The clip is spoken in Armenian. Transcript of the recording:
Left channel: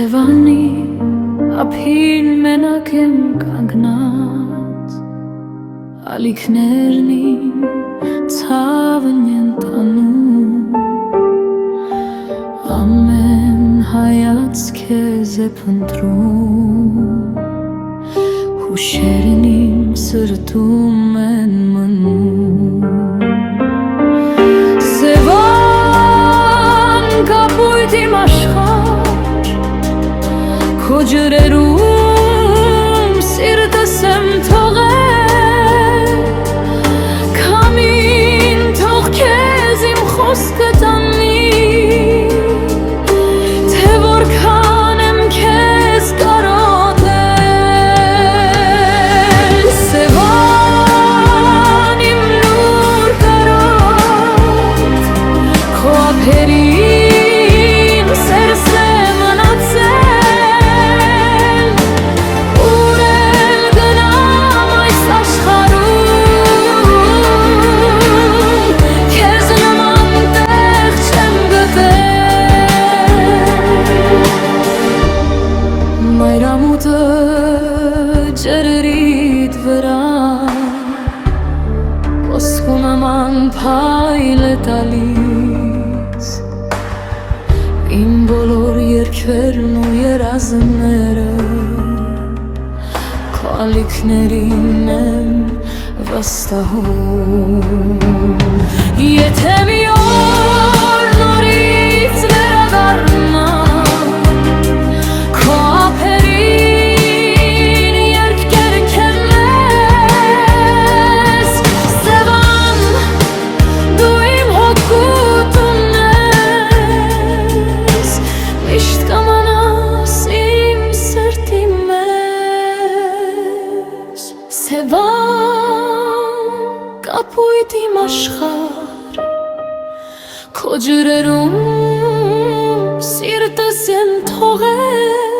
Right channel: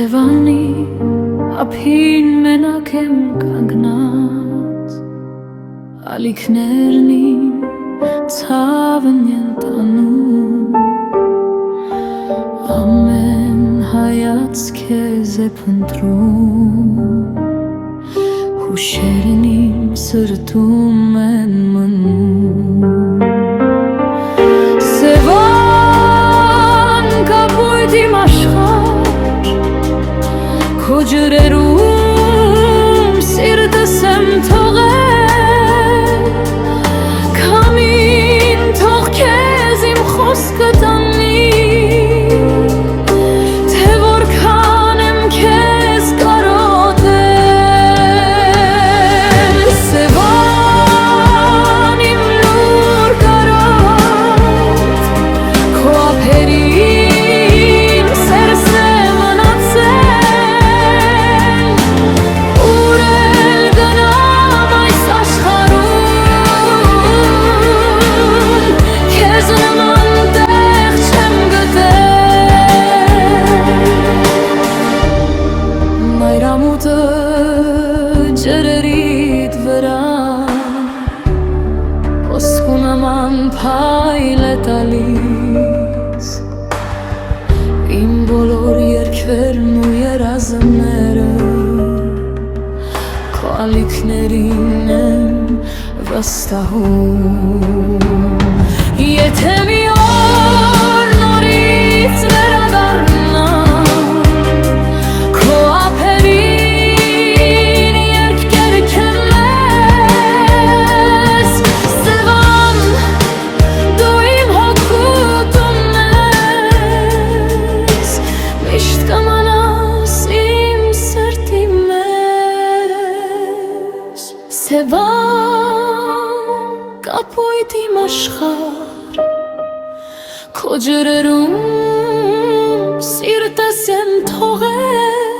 Սևանի ափին մենակ եմ կանգնած, ալիքներն իմ ցավն են տանում, ամեն հայացք քեզ է փնտրում, հուշերն իմ սրտում են մնում։ Սևան կապույտ իմ աշխարհ, քո ջրերում սիրտս եմ թողել, քամին թող քեզ իմ խոսքը տանի, թե որքան եմ քեզ կարոտել։ Սևան իմ լուր կարոտ, քո ափերին սերս է մնացել, ուր էլ գնամ այս աշխարհում, քեզ նման տեղ չեմ գտել։ Մայրամուտը ջրերիդ վրա ոսկու նման փայլ է տալիս, իմ բոլոր երգերն ու երազները քո ալիքներին եմ վստահում։ Եթե մի օր նորից վերադառնամ, քո ափերին երգ կերքեմ մեզ, Սևան դու իմ հոգուտումն ես, միշտ կմնաս իմ սրտի մեջ։ Սևան կապույտ իմ աշխարհ, քո ջրերում սիրտս եմ թողել,